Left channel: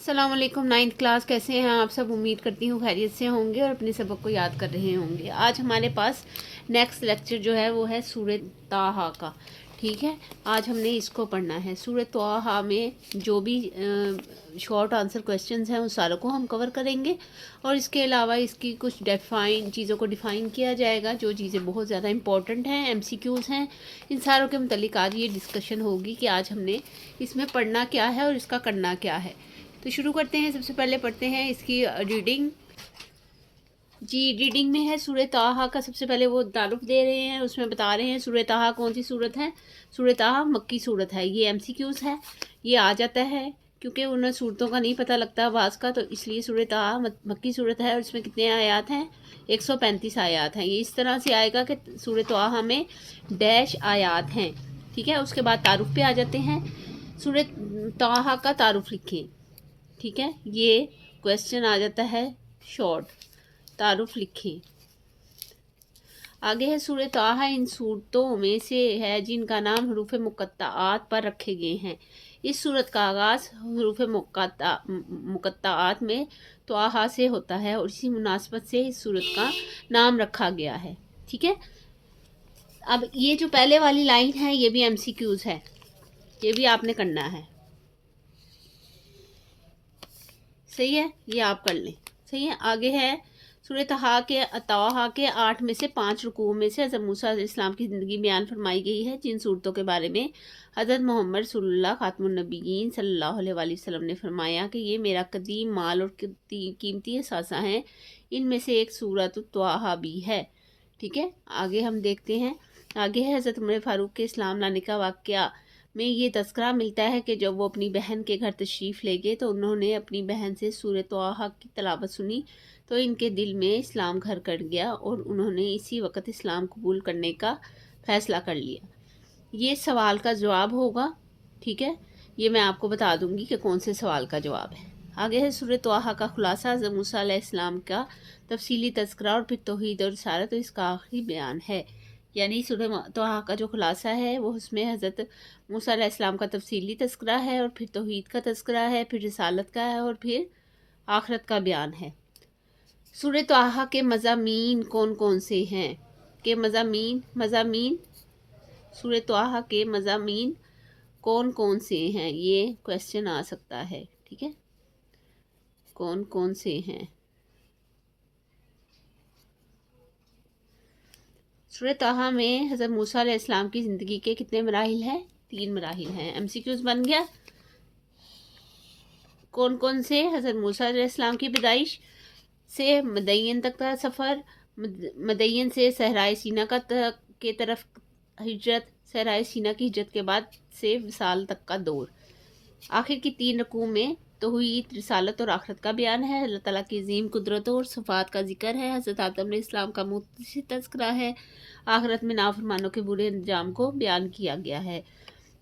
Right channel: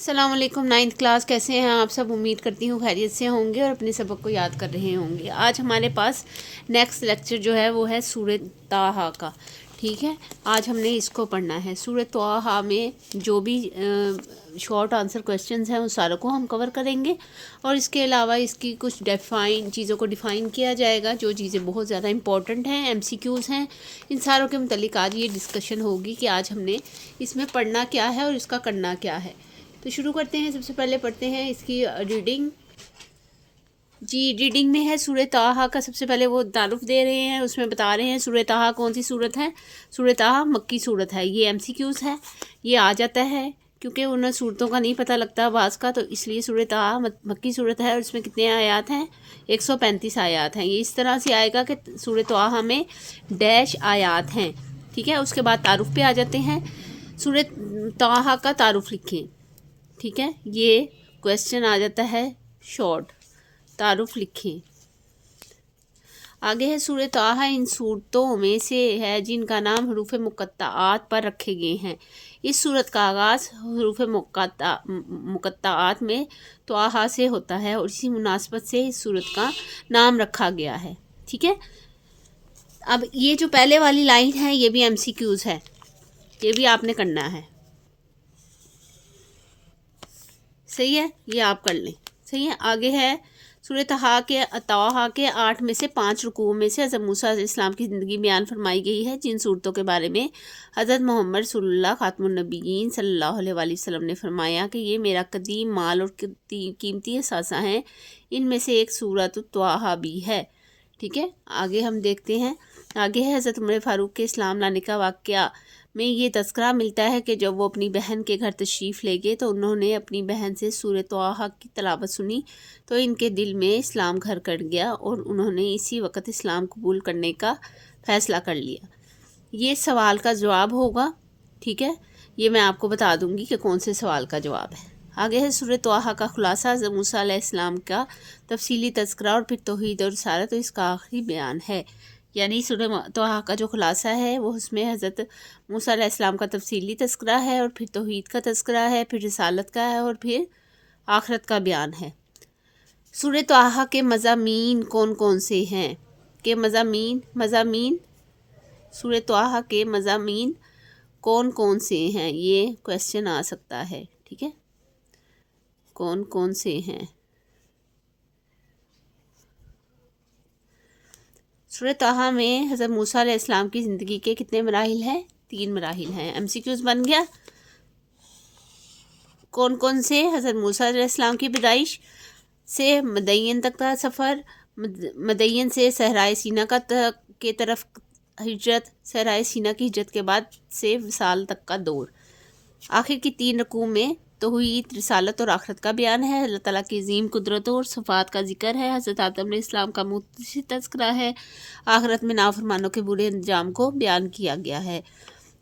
السلام علیکم، 9th class, کیسے ہیں آپ سب؟ امید کرتی ہوں خیریت سے ہوں گے اور اپنے سبق کو یاد کر رہے ہوں گے۔ آج ہمارے پاس نیکسٹ لیکچر جو ہے وہ ہے سورہ طٰہٰ کا، ٹھیک ہے۔ آج ہم نے اس کو پڑھنا ہے۔ سورہ طٰہٰ میں جو بھی شارٹ آنسر کویسچنز ہیں ان ساروں کو ہم کور کریں گے، اور اس کے علاوہ اس کی کچھ چیزوں کو ڈیفائن کیا جائے گا، جو چیزیں بہت زیادہ امپورٹنٹ ہیں، MCQs ہیں۔ ان ساروں کے متعلق آج یہ ڈسکشن ہوگی کہ آج ہم نے اس میں پڑھنا کیا ہے اور اس کا کرنا کیا ہے۔ تو شروع کرتے ہیں۔ سب سے پہلے پڑھتے ہیں اس کی ریڈنگ۔ ریڈنگ میں ہے سورہ طٰہٰ کا، سب سے پہلے وہ تعارف دے رہے ہیں، اس میں بتا رہے ہیں سورہ طٰہٰ کون سی صورت ہے۔ سورہ طٰہٰ مکی صورت ہے۔ یہ MCQs ہے، یہ آ جاتا ہے کیونکہ ان صورتوں کا نہیں پتہ لگتا بعض کا، تو اس لیے سورہ طٰہٰ مکی صورت ہے اور اس میں کتنے آیات ہیں؟ 135 آیات ہیں۔ یہ اس طرح سے آئے گا کہ سورہ طٰہٰ میں ڈیش آیات ہیں، ٹھیک ہے۔ اس کے بعد تعارف پہ آ جاتے ہیں۔ سورہ طٰہٰ کا تعارف لکھیں، ٹھیک ہے۔ یہ کویسچن آ جاتا ہے شارٹ، تعارف لکھیں۔ آگے ہے سورہ طٰہٰ ان صورتوں میں سے ہے جن کا نام حروف مقطعات پر رکھے گئے ہیں۔ اس صورت کا آغاز حروف مقطعات میں طٰہٰ سے ہوتا ہے اور اسی مناسبت سے اس صورت کا نام رکھا گیا ہے، ٹھیک ہے۔ اب یہ جو پہلے والی لائن ہے یہ بھی MCQs ہے، یہ بھی آپ نے کرنا ہے، صحیح ہے، یہ آپ کر لیں، صحیح ہے۔ آگے ہے سورہ طٰہٰ کے 8 میں سے 5 رکوع میں سے حضرت موسیٰ علیہ السلام کی زندگی بیان فرمائی گئی ہے، جن صورتوں کے بارے میں حضرت محمد رسول اللہ خاتم النبیین صلی اللہ علیہ وآلہ وسلم نے فرمایا کہ یہ میرا قدیم مال اور قیمتی اثاثہ ہیں۔ ان میں سے ایک سورۃ طٰہٰ بھی ہے، ٹھیک ہے۔ آگے ہم دیکھتے ہیں۔ آگے ہے حضرت عمر فاروق کے اسلام لانے کا واقعہ میں یہ تذکرہ ملتا ہے کہ جب وہ اپنی بہن کے گھر تشریف لے گئے تو انہوں نے اپنی بہن سے سورہ طٰہٰ کی تلاوت سنی تو ان کے دل میں اسلام گھر کر گیا اور انہوں نے اسی وقت اسلام قبول کرنے کا فیصلہ کر لیا۔ یہ سوال کا جواب ہوگا، ٹھیک ہے۔ یہ میں آپ کو بتا دوں گی کہ کون سے سوال کا جواب ہے۔ آگے ہے سورہ طٰہٰ کا خلاصہ، حضرت موسیٰ علیہ السلام کا تفصیلی تذکرہ اور پھر توحید اور رسالت اور اس کا آخری بیان ہے۔ یعنی سورہ طٰہٰ کا جو خلاصہ ہے وہ اس میں حضرت موسیٰ علیہ السلام کا تفصیلی تذکرہ ہے اور پھر توحید کا تذکرہ ہے، پھر رسالت کا ہے اور پھر آخرت کا بیان ہے۔ سورہ طٰہٰ کے مضامین کون کون سے ہیں؟ کہ مضامین سورہ طٰہٰ کے مضامین کون کون سے ہیں؟ یہ کویسچن آ سکتا ہے، ٹھیک ہے۔ کون کون سے ہیں؟ سورہ طٰہٰ میں حضرت موسیٰ علیہ السلام کی زندگی کے کتنے مراحل ہیں؟ 3 مراحل ہیں۔ MCQs بن گیا۔ کون کون سے؟ حضرت موسیٰ علیہ السلام کی پیدائش سے مدین تک کا سفر، مدین سے صحرائے سینا کے طرف ہجرت، صحرائے سینا کی ہجرت کے بعد سے وصال تک کا دور۔ آخر کی 3 رکوع میں توحید، رسالت اور آخرت کا بیان ہے۔ اللہ تعالیٰ کی عظیم قدرتوں اور صفات کا ذکر ہے۔ حضرت آدم علیہ السلام کا مختصر تذکرہ ہے۔ آخرت میں نافرمانوں کے برے انجام کو بیان کیا گیا ہے۔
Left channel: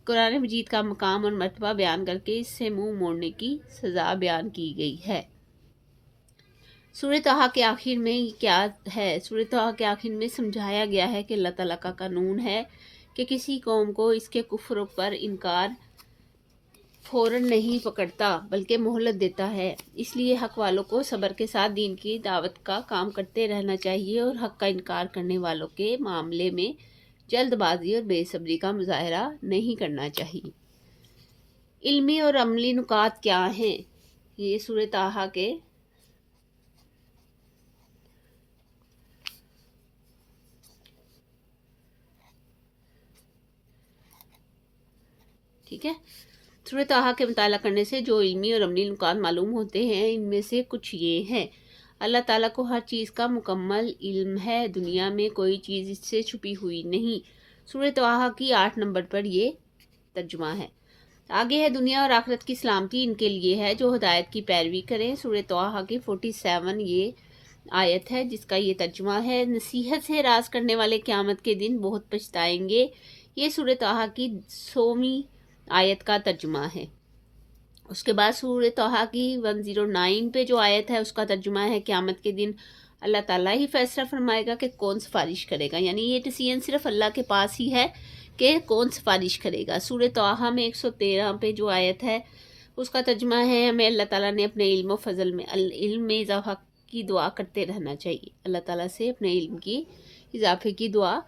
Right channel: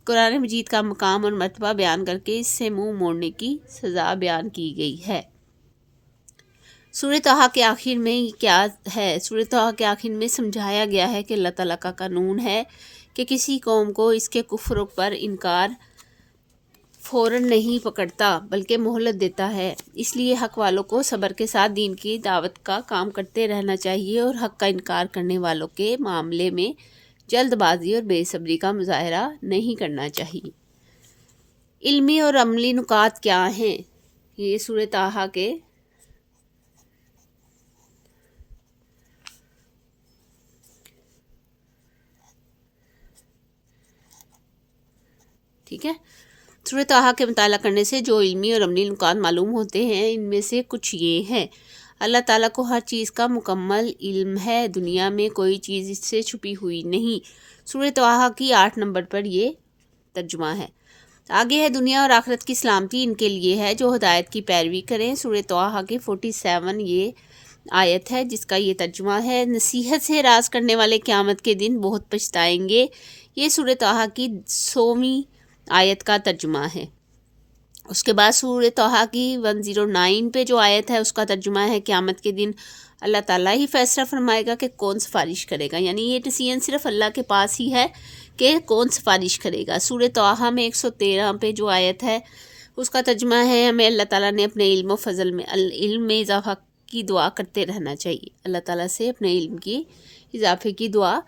قرآن مجید کا مقام اور مرتبہ بیان کر کے اس سے منہ موڑنے کی سزا بیان کی گئی ہے۔ سورہ طٰہٰ کے آخر میں کیا ہے؟ سورہ طٰہٰ کے آخر میں سمجھایا گیا ہے کہ اللہ تعالیٰ کا قانون ہے کہ کسی قوم کو اس کے کفر پر انکار فوراً نہیں پکڑتا بلکہ مہلت دیتا ہے۔ اس لیے حق والوں کو صبر کے ساتھ دین کی دعوت کا کام کرتے رہنا چاہیے اور حق کا انکار کرنے والوں کے معاملے میں جلد بازی اور بے صبری کا مظاہرہ نہیں کرنا چاہیے۔ علمی اور عملی نکات کیا ہیں؟ یہ سورہ طٰہٰ کے ٹھیک ہے۔ سورہ طٰہٰ کے مطالعہ کرنے سے جو علمی اور عملی نکات معلوم ہوتے ہیں ان میں سے کچھ یہ ہیں۔ اللہ تعالیٰ کو ہر چیز کا مکمل علم ہے، دنیا میں کوئی چیز اس سے چھپی ہوئی نہیں۔ سورہ طٰہٰ کی 8 نمبر پر یہ ترجمہ ہے۔ آگے ہے دنیا اور آخرت کی سلامتی ان کے لیے ہے جو ہدایت کی پیروی کریں۔ سورہ طٰہٰ کی 47 یہ آیت ہے جس کا یہ ترجمہ ہے، نصیحت سے راز کرنے والے قیامت کے دن بہت پچھتائیں گے۔ یہ سورہ طٰہٰ کی 100ویں آیت کا ترجمہ ہے۔ اس کے بعد سورہ طٰہٰ کی 109 پہ جو آیت ہے اس کا ترجمہ ہے، قیامت کے دن اللہ تعالیٰ ہی فیصلہ فرمائے گا کہ کون سفارش کرے گا، یعنی یہ ڈیسیژن صرف اللہ کے پاس ہی ہے کہ کون سفارش کرے گا۔ سورہ طٰہٰ میں 113 پہ جو آیت ہے اس کا ترجمہ ہے ہمیں اللہ تعالیٰ نے اپنے علم و فضل میں علم میں اضافہ کی دعا کرتے رہنا چاہیے، اللہ تعالیٰ سے اپنے علم کی اضافے کی دعا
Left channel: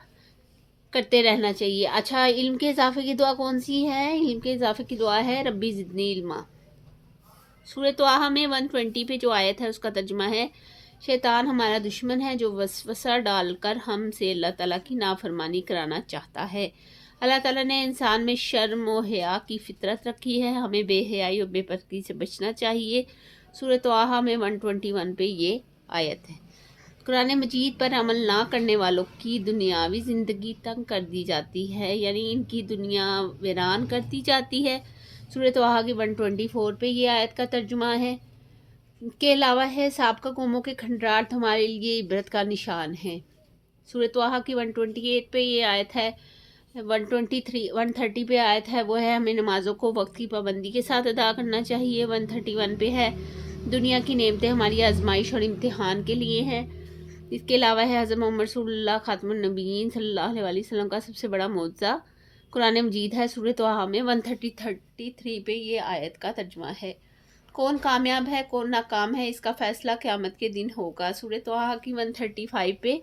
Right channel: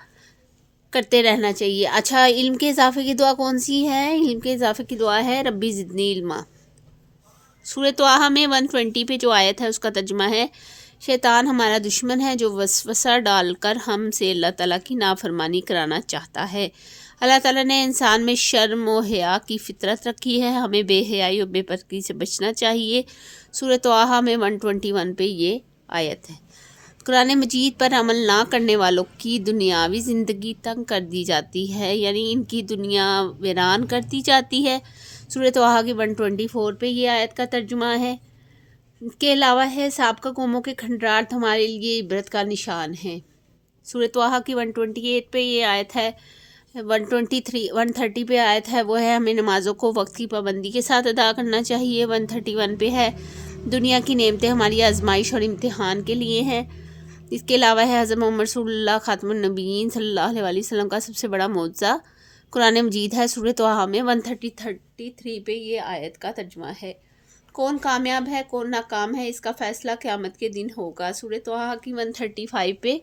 کرتے رہنا چاہیے۔ اچھا، علم کے اضافے کی دعا کون سی ہے؟ علم کے اضافے کی دعا ہے ربی زدنی علما۔ سورۃ طٰہٰ میں 120 پہ جو آیت ہے اس کا ترجمہ ہے شیطان ہمارا دشمن ہے جو وسوسہ ڈال کر ہم سے اللہ تعالیٰ کی نافرمانی کرانا چاہتا ہے۔ اللہ تعالیٰ نے انسان میں شرم و حیا کی فطرت رکھی ہے، ہمیں بے حیائی اور بے پردگی سے بچنا چاہیے۔ سورۃ طٰہٰ میں 121 پہ یہ آیت ہے۔ قرآن مجید پر عمل نہ کرنے والوں کی دنیاوی زندگی تنگ کر دی جاتی ہے، یعنی ان کی دنیا ویران کر دی جاتی ہے۔ سورۃ طٰہٰ کی 124 پہ یہ آیت کا ترجمہ ہے کے علاوہ ہے سابقہ قوموں کے کھنڈرات ہمارے لیے عبرت کا نشان ہیں۔ سورۃ طٰہٰ کی 128 پہ یہ آیت ہے، 130 پہ آیت ہے وہ ہے ہمیں نمازوں کو وقت کی پابندی کے ساتھ ادا کرنا چاہیے۔ 131 پہ ہے دنیا کی نعمتیں ہماری آزمائش اور امتحان کے لیے ہیں۔ اس کے علاوہ ہے حضرت محمد رسول اللہ خاتم النبیین صلی اللہ علیہ وسلم کا سب سے بڑا معجزہ قرآن مجید ہے۔ سورۃ طٰہٰ میں 133 پہ یہ آیت کا ترجمہ ہے۔ کون کامیاب ہے کون ناکام ہے اس کا فیصلہ قیامت کے دن ہوگا۔ سورۃ طٰہٰ کی 135 پہ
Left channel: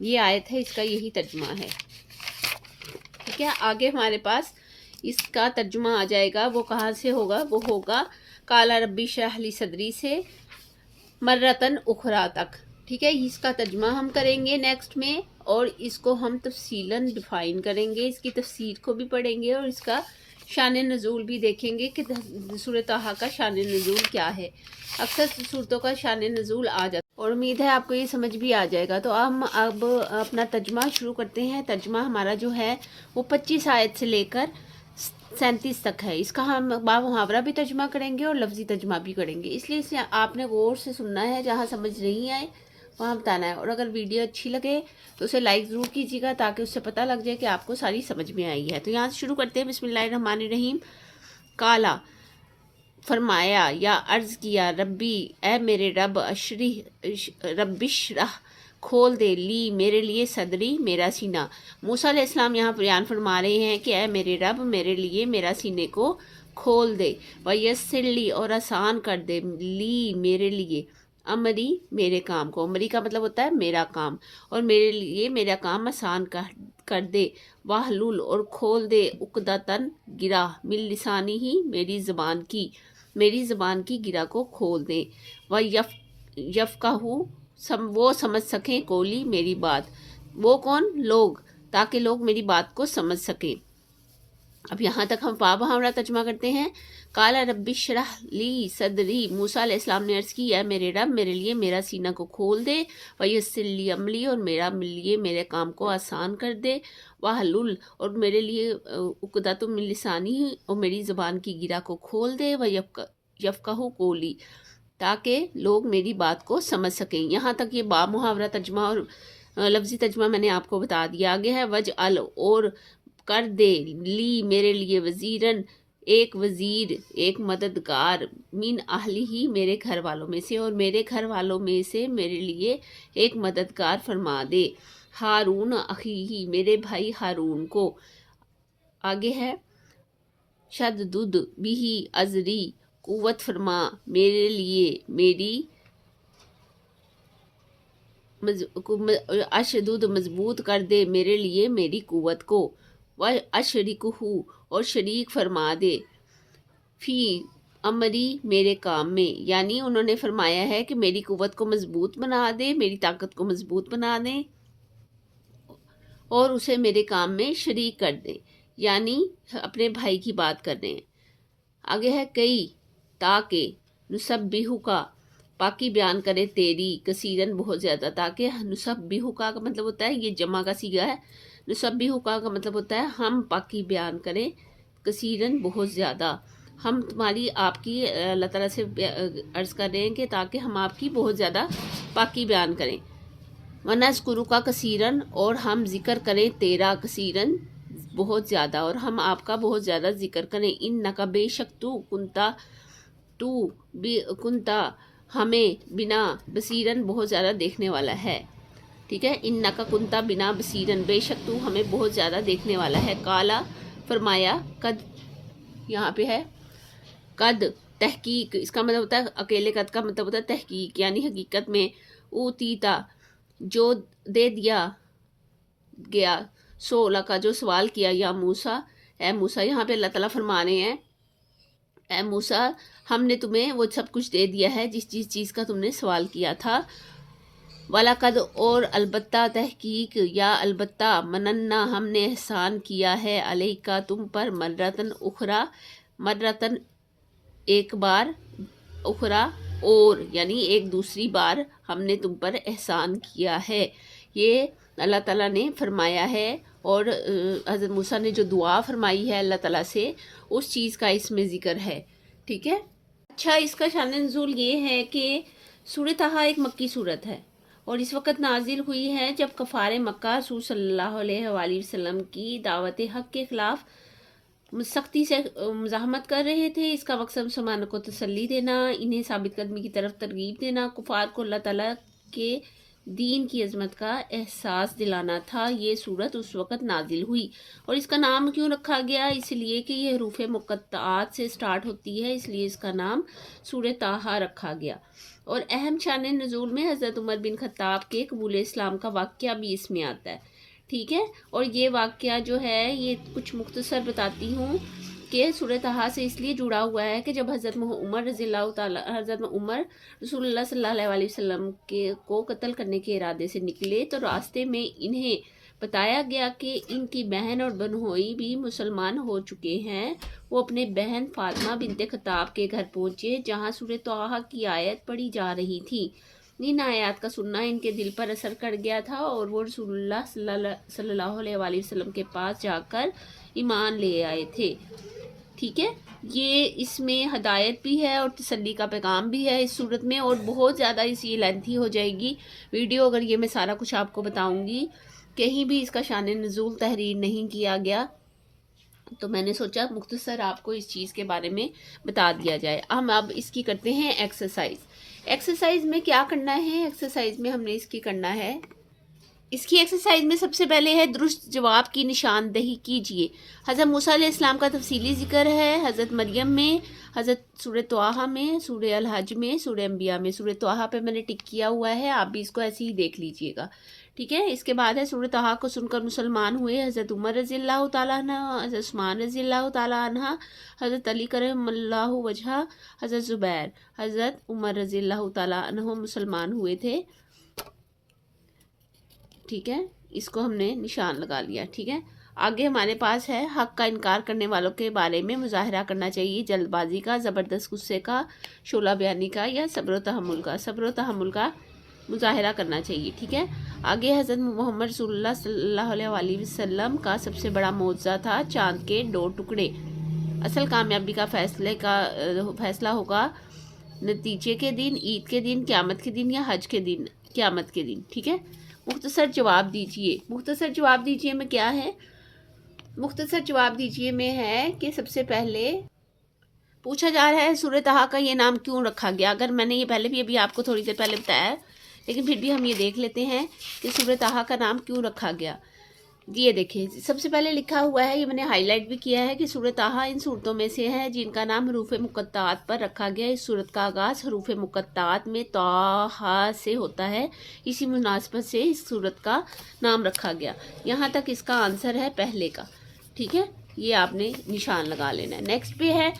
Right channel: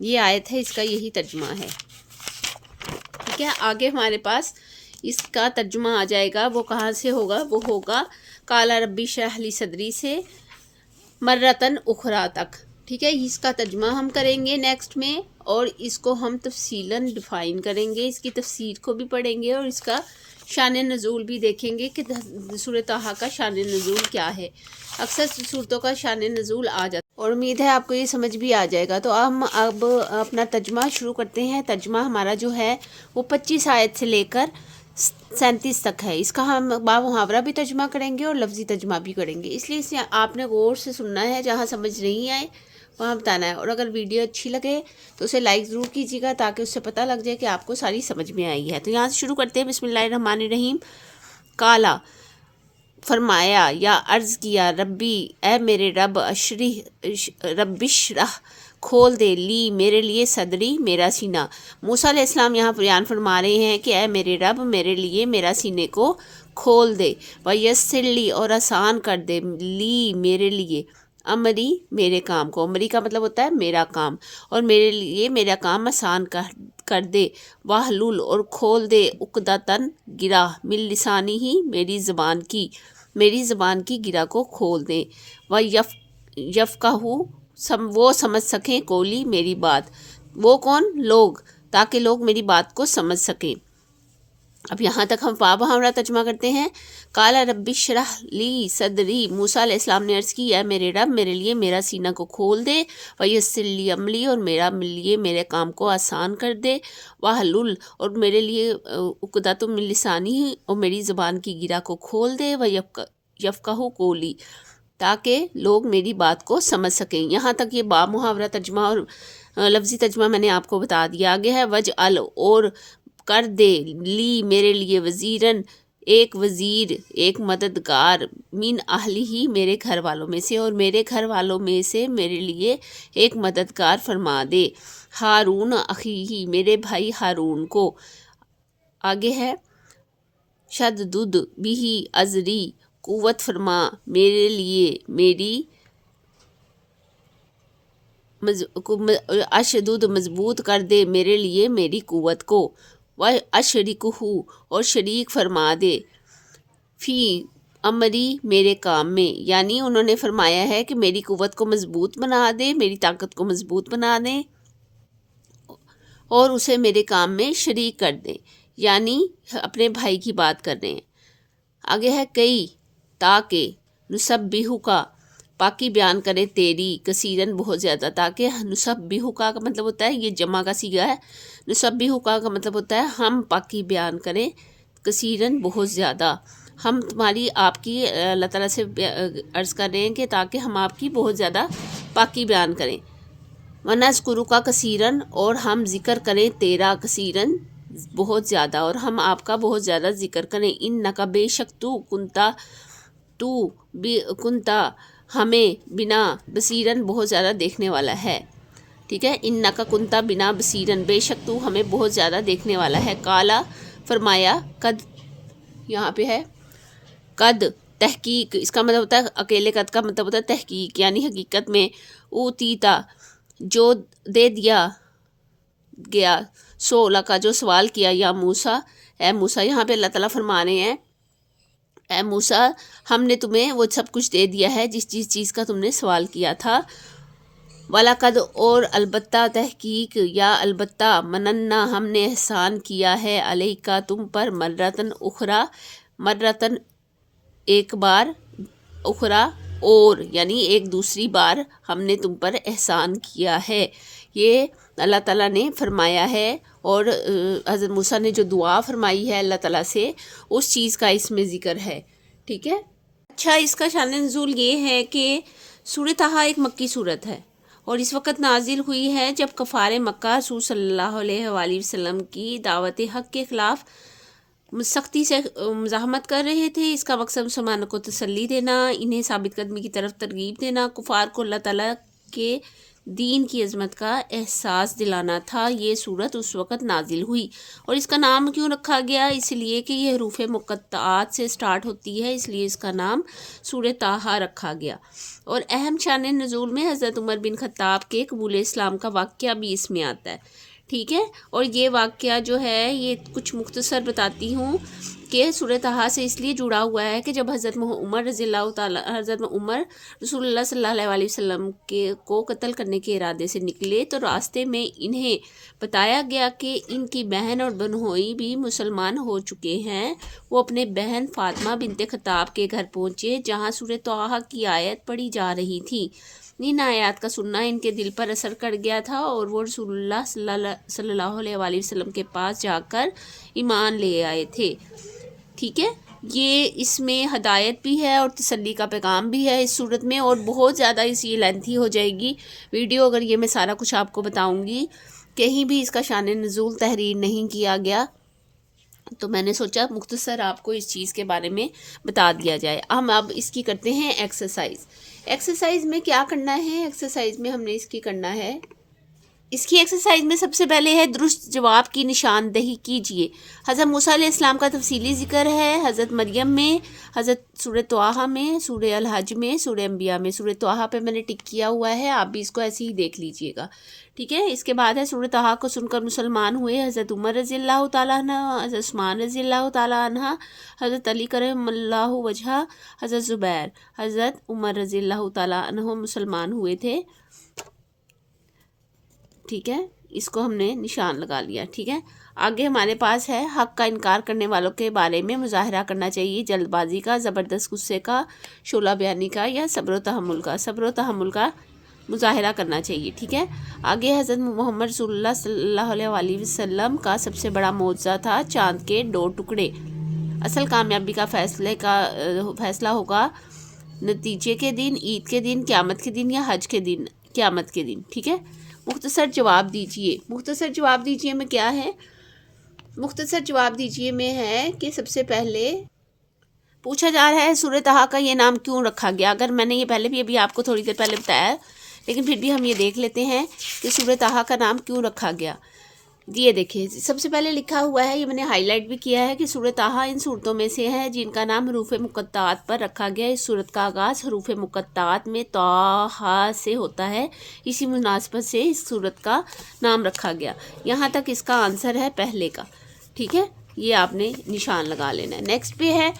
یہ آیت ہے، اس کا یہی ترجمہ ہے۔ ٹھیک ہے، آگے ہمارے پاس اس کا ترجمہ آ جائے گا، وہ کہاں سے ہوگا؟ وہ ہوگا قال ربی اشرح لی صدری سے مرتن اخری تک۔ ٹھیک ہے، اس کا ترجمہ ہم کریں گے نیکسٹ میں، اور اس کو ہم تفصیلاً ڈیفائن کریں گے، اس کی تفسیر کو بھی پڑھیں گے اور اس کا شان نزول بھی دیکھیں گے کہ سورۃ طٰہٰ کا شان نزول کیا ہے۔ اکثر صورتوں کا شان نزول آ جاتا ہے اور امید ہے آپ کو یہ سمجھ بھی آ جائے گا۔ تو ہم اب اپنا ترجمہ شروع کرتے ہیں۔ ترجمہ ہمارا جو ہے وہ 25 آیت سے لے کر 37 تک ہے۔ اس کا ہم بامحاورہ بھی ترجمہ کریں گے اور لفظی ترجمہ بھی کریں گے، اس لیے اسے آپ نے غور سے سننا ہے، جہاں سمجھ نہیں آئے وہاں بتانا ہے، اور اگر ویڈیو اچھی لگے تو اسے لائک ضرور کیجیے گا تاکہ اس سے پتہ لگ جائے کہ آپ کو ساری سمجھ میں آئی ہے۔ تو یہاں سے شروع کرتے ہیں۔ بسم اللہ الرحمن الرحیم۔ کالا فرمایا یا عرض کیا ربی اے میرے رب اشرح کھول دے لی میرے لیے صدری میرا سینہ۔ موسیٰ علیہ السلام یہاں بیان فرما رہے ہیں کہ اے میرے رب میرے لیے میرا سینے کو کھول دے، ویسر لی اور آسان کر دے لی میرے لیے امری میرے کام کو۔ امری کا مطلب ہوتا ہے میرا کام، اور میرے لیے میرا کام آسان کر دے، واحلل اور کھول دے عقدۃ گرہ من لسانی ہی میری زبان کی گرہ کو کھول دے، یفقہوا وہ سمجھ سکیں قولی میری بات۔ وہ کون؟ لوگ، تاکہ لوگ میری بات کو سمجھ سکیں۔ اب یہاں تک ہم بامحاورہ ترجمہ کرتے ہیں۔ قال ربی اشرح لی صدری، موسیٰ علیہ السلام نے عرض کی اے میرے رب میرے لیے میرا سینہ کو کھول دے، ویسر لی امری اور لیے میرے کام کو آسان کر دے، واحلل اور میرے لیے عقدۃ من لسانی اور میری زبان کی گرہ کو کھول دے، یفقہوا قولی تاکہ لوگ میری بات کو سمجھ سکیں۔ یہاں تک یہ بامحاورہ ترجمہ اور لفظی ترجمہ میں نے آپ کو بتا دیا۔ آگے ہے وجعل اور کر دے لی میرے لیے وزیرن ایک وزیر، ایک مددگار، من اہلی ہی میرے گھر والوں میں سے، اور میرے گھر والوں میں سے میرے لیے ایک مددگار فرما دے، ہارون اخی میرے بھائی ہارون کو۔ آگے ہے شدد بھی ازری قوت فرما میرے لیے میری اشدد مضبوط کر دے میرے لیے میری قوت کو، وَأَشْرِكْهُ اور شریک فرما دے فی امری میرے کام میں، یعنی انہوں نے فرمایا ہے کہ میری قوت کو مضبوط بنا دے، میری طاقت کو مضبوط بنا دے اور اسے میرے کام میں شریک کر دے، یعنی اپنے بھائی کی بات کر رہے ہیں۔ آگے ہے کئی تاکہ نسبحک پاکی بیان کرے تیری، کثیرن بہت زیادہ، تاکہ نسبحک کا مطلب ہوتا ہے یہ جمع کا صیغہ ہے، نسبحک کا مطلب ہوتا ہے ہم پاکی بیان کریں، کثیرن بہت زیادہ، ہم تمہاری آپ کی اللہ تعالیٰ سے عرض کر رہے ہیں کہ تاکہ ہم آپ کی بہت زیادہ پاکی بیان کریں۔ وَنَذْكُرُكَ کثیرن اور ہم ذکر کریں تیرا، کثیرن بہت زیادہ، اور ہم آپ کا بہت زیادہ ذکر کریں۔ اِنَّكَ بے شک تو کنتا ہمیں بنا بصیرن بہت زیادہ دیکھنے والا ہے۔ ٹھیک ہے، اِنَّكَ کنتا بنا بصیرن بے شک تو ہمیں بہت زیادہ دیکھنے والا ہے۔ کالا فرمایا قد، یہاں پہ ہے قد تحقیق، اس کا مطلب ہوتا ہے اکیلے قد کا مطلب ہوتا ہے تحقیق، یعنی حقیقت میں، اوتیتا جو دے دیا گیا، سولا کا جو سوال کیا، یا موسیٰ اے موسیٰ، یہاں پہ اللہ تعالیٰ فرما رہے ہیں اے موسیٰ ہم نے تمہیں وہ سب کچھ دے دیا ہے جس چیز کا تم نے سوال کیا تھا، وَلَقَدْ اور البتہ تحقیق یا البتہ مننا ہم نے احسان کیا ہے علیکا تم پر مرتن اخرى، مرتن ایک بار، اخرى اور یعنی ایک دوسری بار ہم نے تم پر احسان کیا ہے، یہ اللہ تعالیٰ نے فرمایا ہے، اور حضرت موسیٰ نے جو دعا فرمائی ہے اللہ تعالیٰ سے اس چیز کا اس میں ذکر ہے، ٹھیک ہے۔ اچھا، اس کا شان نزول یہ ہے کہ سورۃ طٰہٰ ایک مکی صورت ہے اور اس وقت نازل ہوئی ہے جب کفار مکہ رسول صلی اللہ علیہ وآلہ وسلم کی دعوت حق کے خلاف سختی سے مزاحمت کر رہے تھے۔ اس کا مقصد مسلمانوں کو تسلی دینا، انہیں ثابت قدمی کی طرف ترغیب دینا، کفار کو اللہ تعالیٰ کے دین کی عظمت کا احساس دلانا تھا۔ یہ صورت اس وقت نازل ہوئی، اور اس کا نام کیوں رکھا گیا؟ اس لیے کہ یہ حروف مقطعات سے سٹارٹ ہوتی ہے، اس لیے اس کا نام سورۃ طٰہٰ رکھا گیا۔ اور اہم شان نزول میں حضرت عمر بن خطاب کے قبول اسلام کا واقعہ بھی اس میں آتا ہے، ٹھیک ہے۔ اور یہ واقعہ جو ہے یہ کچھ مختصر بتاتی ہوں کہ سورۃ طٰہٰ سے اس لیے جڑا ہوا ہے کہ جب حضرت عمر رضی اللہ تعالیٰ، حضرت عمر رسول اللہ صلی اللہ علیہ وسلم کو قتل کرنے کے ارادے سے نکلے تو راستے میں انہیں بتایا گیا کہ ان کی بہن اور بنوئی بھی مسلمان ہو چکے ہیں۔ وہ اپنے بہن فاطمہ بنت خطاب کے گھر پہنچے جہاں سورۃ طٰہٰ کی آیت پڑھی جا رہی تھی۔ ان آیات کا سننا ان کے دل پر اثر کر گیا تھا اور وہ رسول اللہ صلی اللہ علیہ وآلہ وسلم کے پاس جا کر ایمان لے آئے تھے، ٹھیک ہے۔ یہ اس میں ہدایت بھی ہے اور تسلی کا پیغام بھی ہے اس صورت میں، اور بہت زیادہ یہ لینتھی ہو جائے گی ویڈیو اگر یہ میں سارا کچھ آپ کو بتاؤں گی۔ کہیں بھی اس کا شان نزول تحریر نہیں کیا گیا، تو میں نے سوچا مختصر آپ کو اس چیز کے بارے میں بتا دیا جائے۔ ہم اب اس کی کرتے ہیں ایکسرسائز۔ ایکسرسائز میں کیا کرنا ہے؟ ایکسرسائز میں ہم نے اس کی کرنا ہے، اس کی ایکسرسائز میں سب سے پہلے ہے درست جواب کی نشاندہی کیجیے۔ حضرت موسیٰ علیہ السلام کا تفصیلی ذکر ہے، حضرت مریم میں، حضرت سورۃ طٰہٰ میں، سورہ الحج میں، سورہ انبیاء میں۔ سورۃ طٰہٰ پہ میں نے ٹک کیا ہوا ہے، آپ بھی اس کو ایسے ہی دیکھ لیجئے گا، ٹھیک ہے۔ اس کے بعد ہے سورۃ طٰہٰ کو سن کر مسلمان ہوئے حضرت عمر رضی اللہ تعالیٰ عنہ، حضرت عثمان رضی اللہ تعالیٰ عنہ، حضرت علی کرم اللہ وجہہ، حضرت زبیر، حضرت عمر رضی اللہ تعالیٰ عنہ مسلمان ہوئے تھے، ٹھیک ہے۔ اس کو ہم نے نشان لگا لیا، ٹھیک ہے۔ آگے ہمارے پاس ہے حق کا انکار کرنے والوں کے بارے میں مظاہرہ کرنا چاہیے، جلد بازی کا، زبردست غصے کا، شعلہ بیانی کا، یا صبر و تحمل کا، صبر و تحمل کا مظاہرہ کرنا چاہیے، ٹھیک ہے۔ آگے حضرت محمد رسول اللہ صلی اللہ علیہ وآلہ وسلم کا سب سے بڑا معجزہ تھا چاند کے 2 ٹکڑے۔ اصل کامیابی کا فیصلہ ہوگا نتیجے کے دن، عید کے دن، قیامت کے دن، یا حج کے دن، قیامت کے دن، ٹھیک ہے۔ مختصر جواب دیجئے۔ مختصر جواب دیجئے میں کیا ہے؟ مختصر جواب دیجئے میں ہے کہ سب سے پہلے پوچھا جا رہا ہے سورۃ طٰہٰ کا یہ نام کیوں رکھا گیا۔ اگر میں نے یہ پہلے بھی ابھی آپ کو تھوڑی دیر پہلے بتایا ہے، لیکن پھر بھی ہم یہ دیکھ لیتے ہیں کہ سورۃ طٰہٰ کا نام کیوں رکھا گیا۔ یہ دیکھیں، سب سے پہلے لکھا ہوا ہے، یہ میں نے ہائی لائٹ بھی کیا ہے، کہ سورۃ طٰہٰ ان صورتوں میں سے ہے جن کا نام حروف مقطعات پر رکھا گیا۔ اس صورت کا آغاز حروف مقطعات میں طٰہٰ سے ہوتا ہے، اسی مناسبت سے اس صورت کا نام رکھا گیا۔ یہاں تک اس کا آنسر ہے پہلے کا، ٹھیک ہے۔ یہ آپ نے نشان لگا لینا ہے۔ نیکسٹ پہ ہے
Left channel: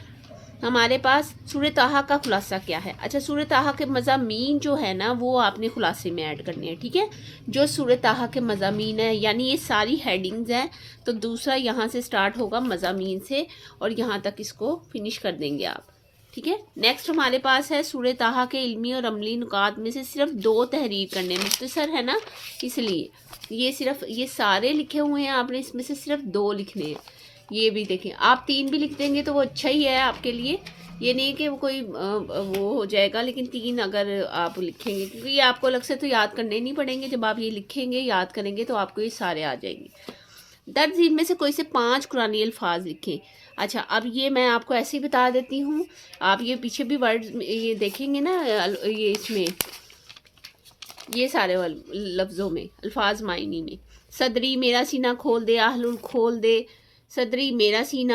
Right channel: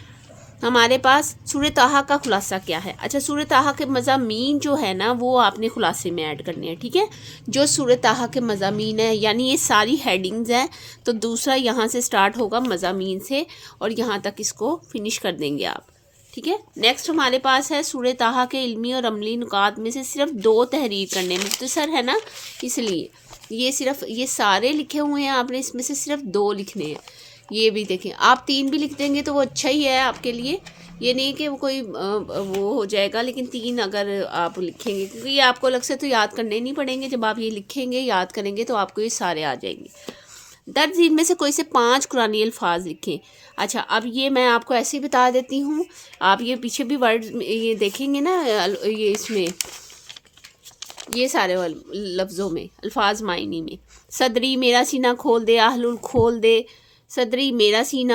ہمارے پاس سورۃ طٰہٰ کا خلاصہ کیا ہے۔ اچھا، سورۃ طٰہٰ کے مضامین جو ہے نا وہ آپ نے خلاصے میں ایڈ کرنے ہیں، ٹھیک ہے۔ جو سورۃ طٰہٰ کے مضامین ہیں، یعنی یہ ساری ہیڈنگز ہیں، تو دوسرا یہاں سے سٹارٹ ہوگا مضامین سے، اور یہاں تک اس کو فنش کر دیں گے آپ، ٹھیک ہے۔ نیکسٹ ہمارے پاس ہے سورۃ طٰہٰ کے علمی اور عملی نکات میں سے صرف 2 تحریر کرنے، مختصر ہے نا، اس لیے یہ سارے لکھے ہوئے ہیں، آپ نے اس میں سے صرف 2 لکھنے ہیں۔ یہ بھی دیکھیں، آپ 3 بھی لکھ دیں گے تو وہ اچھا ہی ہے آپ کے لیے، یہ نہیں کہ وہ کوئی وہ ہو جائے گا، لیکن 3 اگر آپ لکھیں گے، کیونکہ یہ آپ کو الگ سے تو یاد کرنے نہیں پڑیں گے، جب آپ یہ لکھیں گے، یاد کریں گے تو آپ کو یہ سارے آ جائیں گے۔ درج ذیل میں سے کوئی سے 5 قرآنی الفاظ لکھیں۔ اچھا، اب یہ میں آپ کو ایسے ہی بتا دیتی ہوں، آپ یہ پیچھے بھی ورڈ یہ دیکھیں گے نا، یہ اس میں یہ سارے لفظوں میں الفاظ معنی میں، صدری میرا سینہ کھول دے، احلل کھول دے، صدری میرا سینہ،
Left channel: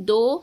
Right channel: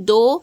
2